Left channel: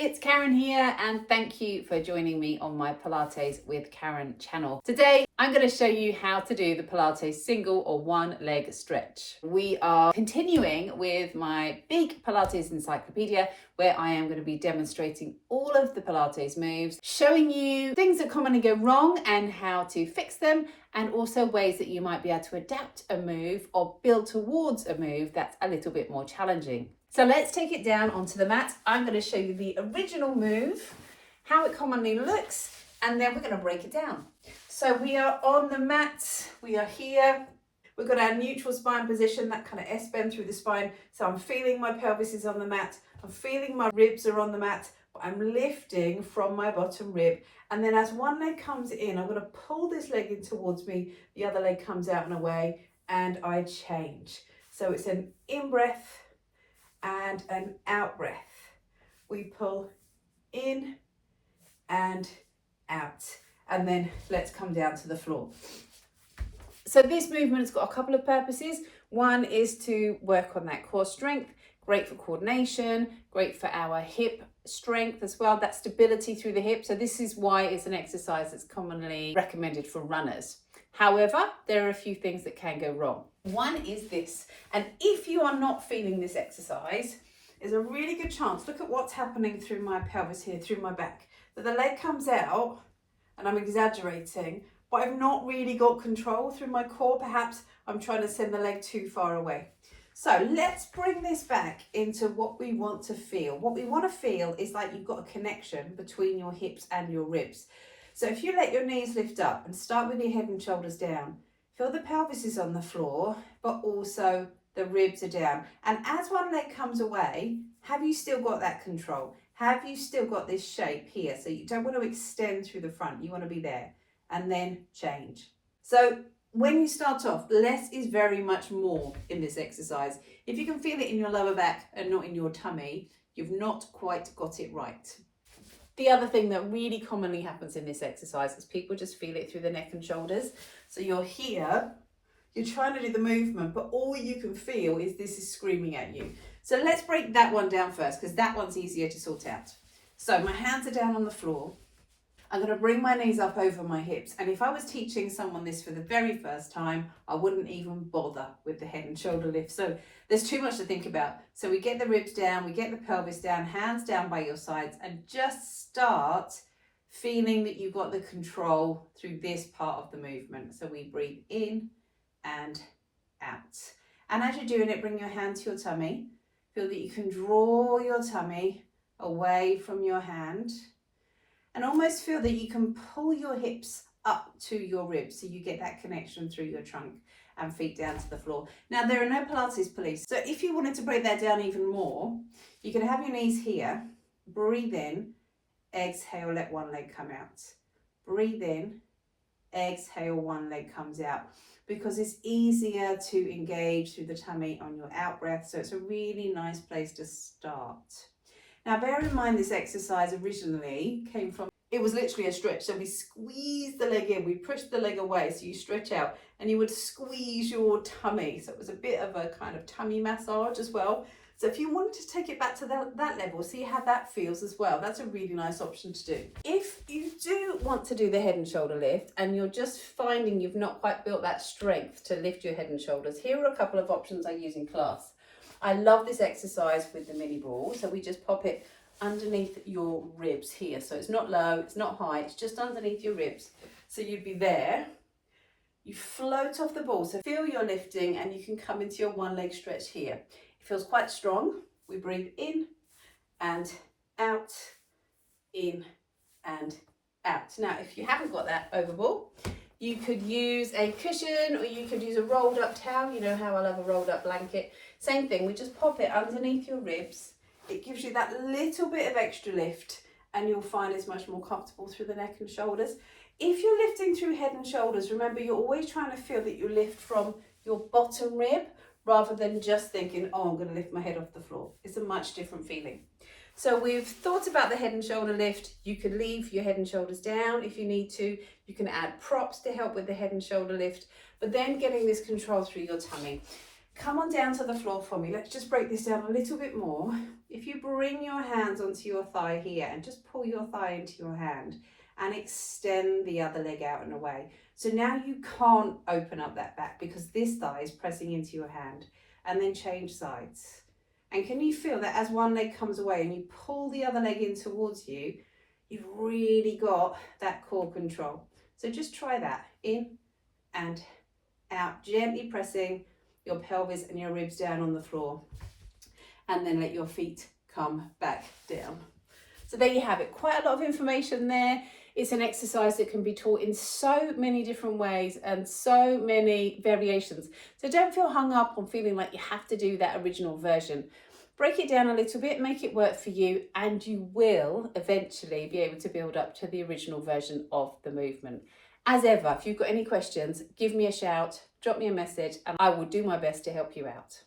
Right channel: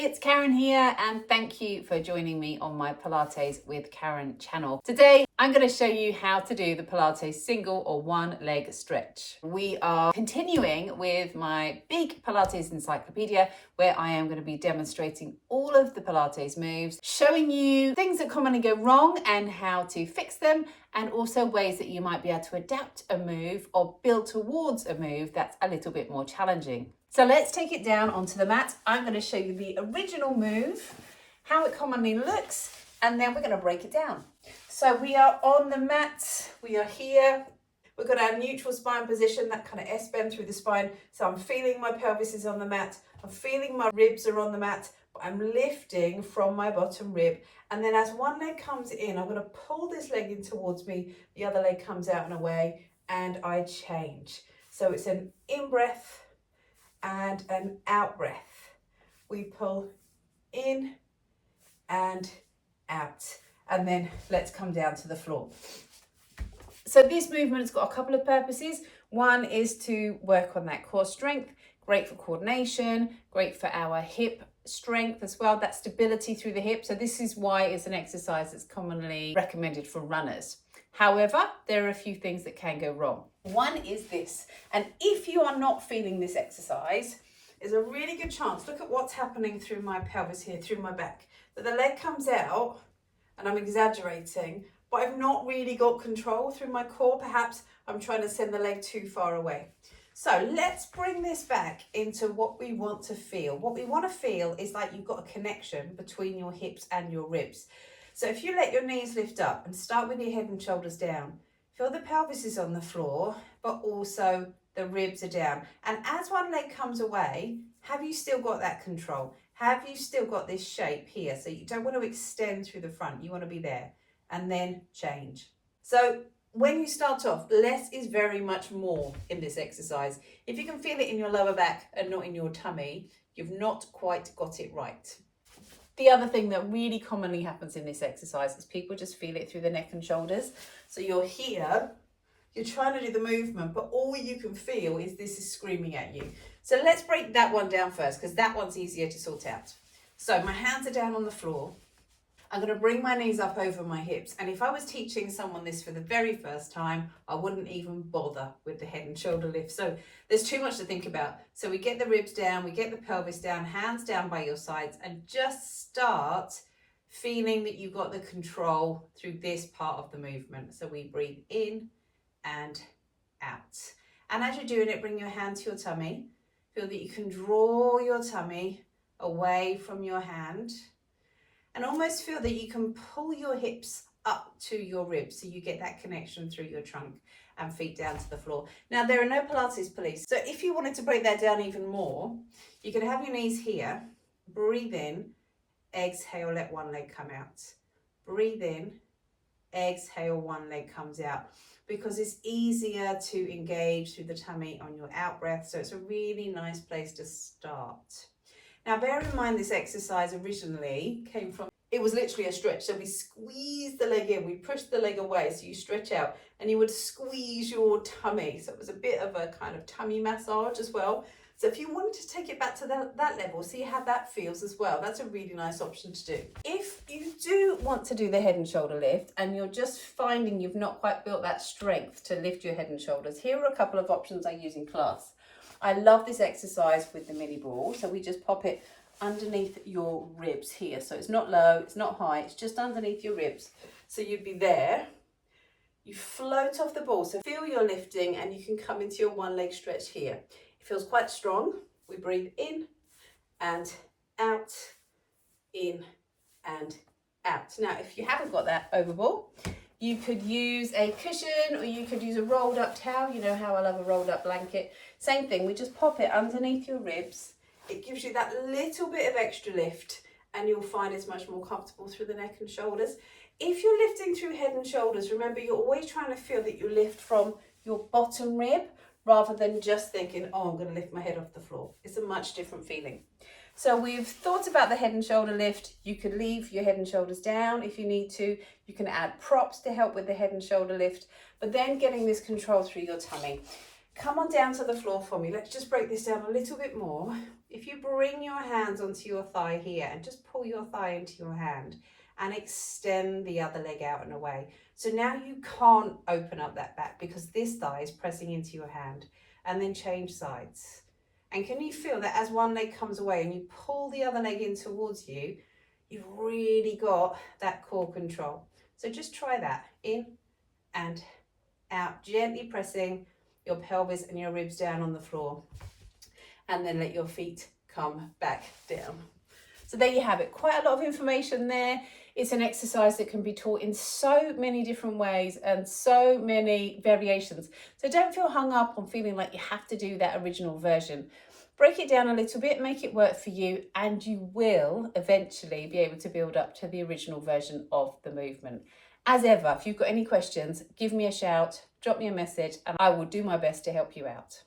It's Karen here, and thank you for joining me on my Pilates with Karen channel. Today, I'm going to show you how to do the Pilates single or one leg stretch. We are continuing with my big Pilates encyclopedia, where I am going to be demonstrating all of the Pilates moves, showing you things that commonly go wrong and how to fix them, and also ways that you might be able to adapt a move or build towards a move that's a little bit more challenging. So let's take it down onto the mat. I'm going to show you the original move, how it commonly looks, and then we're going to break it down. So we are on the mat, we are here. We've got our neutral spine position, that kind of S-bend through the spine. So I'm feeling my pelvis is on the mat, I'm feeling my ribs are on the mat, but I'm lifting from my bottom rib. And then as one leg comes in, I'm going to pull this leg in towards me, the other leg comes out and away, and I change. So it's an in-breath and an out breath. We pull in and out, and then let's come down to the floor. So this movement's got a couple of purposes. One is to work on that core strength, great for coordination, great for our hip strength as well, that stability through the hip. So this is why it's an exercise that's commonly recommended for runners. However, there are a few things that can go wrong. One is this, and if you are not feeling this exercise, there's a really good chance, look at what's happening through my pelvis here, through my back, that the leg comes out, and I'm exaggerating, but I've not really got control through my core. Perhaps I'm trying to send the leg too far away. So let's bring this back into what we want to feel. What we want to feel is like you've got a connection between your hips and your ribs. So if you let your knees lift up and start with your head and shoulders down, feel the pelvis is on the floor, but also the ribs are down. And as one leg comes away, have you still got that control? Have you still got this shape here? So you don't want to extend through the front, you want to be there, and then change. So when you start off, less is very much more in this exercise. If you can feel it in your lower back and not in your tummy, you've not quite got it right. The other thing that really commonly happens in this exercise is people just feel it through the neck and shoulders. So you're here, you're trying to do the movement, but all you can feel is this is screaming at you. So let's break that one down first, because that one's easier to sort out. So my hands are down on the floor. I'm going to bring my knees up over my hips. And if I was teaching someone this for the very first time, I wouldn't even bother with the head and shoulder lift. So there's too much to think about. So we get the ribs down, we get the pelvis down, hands down by your sides, and just start feeling that you've got the control through this part of the movement. So we breathe in and out. And as you're doing it, bring your hand to your tummy. Feel that you can draw your tummy away from your hand. And almost feel that you can pull your hips up to your ribs so you get that connection through your trunk and feet down to the floor. Now, there are no Pilates police. So if you wanted to break that down even more, you can have your knees here, breathe in, exhale, let one leg come out. Breathe in, exhale, one leg comes out, because it's easier to engage through the tummy on your out breath. So it's a really nice place to start. Now, bear in mind, this exercise originally came from, it was literally a stretch. So we squeezed the leg in, we pushed the leg away, so you stretch out and you would squeeze your tummy. So it was a bit of a kind of tummy massage as well. So if you wanted to take it back to that level, see how that feels as well. That's a really nice option to do. If you do want to do the head and shoulder lift and you're just finding you've not quite built that strength to lift your head and shoulders, here are a couple of options I use in class. I love this exercise with the mini ball. So we just pop it underneath your ribs here. So it's not low, it's not high, it's just underneath your ribs. So you'd be there. You float off the ball. So feel your lifting, and you can come into your one leg stretch here. It feels quite strong. We breathe in and out, in and out. Now, if you haven't got that over ball, you could use a cushion, or you could use a rolled up towel. You know how I love a rolled up blanket. Same thing, we just pop it underneath your ribs. It gives you that little bit of extra lift, and you'll find it's much more comfortable through the neck and shoulders. If you're lifting through head and shoulders, remember you're always trying to feel that you lift from your bottom rib, rather than just thinking, oh, I'm going to lift my head off the floor. It's a much different feeling. So we've thought about the head and shoulder lift. You could leave your head and shoulders down if you need to. You can add props to help with the head and shoulder lift, but then getting this control through your tummy. Come on down to the floor for me. Let's just break this down a little bit more. If you bring your hands onto your thigh here and just pull your thigh into your hand and extend the other leg out and away. So now you can't open up that back because this thigh is pressing into your hand, and then change sides. And can you feel that as one leg comes away and you pull the other leg in towards you, you've really got that core control. So just try that, in and out, gently pressing your pelvis and your ribs down on the floor, and then let your feet come back down. So there you have it, quite a lot of information there. It's an exercise that can be taught in so many different ways and so many variations. So don't feel hung up on feeling like you have to do that original version. Break it down a little bit, make it work for you, and you will eventually be able to build up to the original version of the movement. As ever, if you've got any questions, give me a shout, drop me a message, and I will do my best to help you out.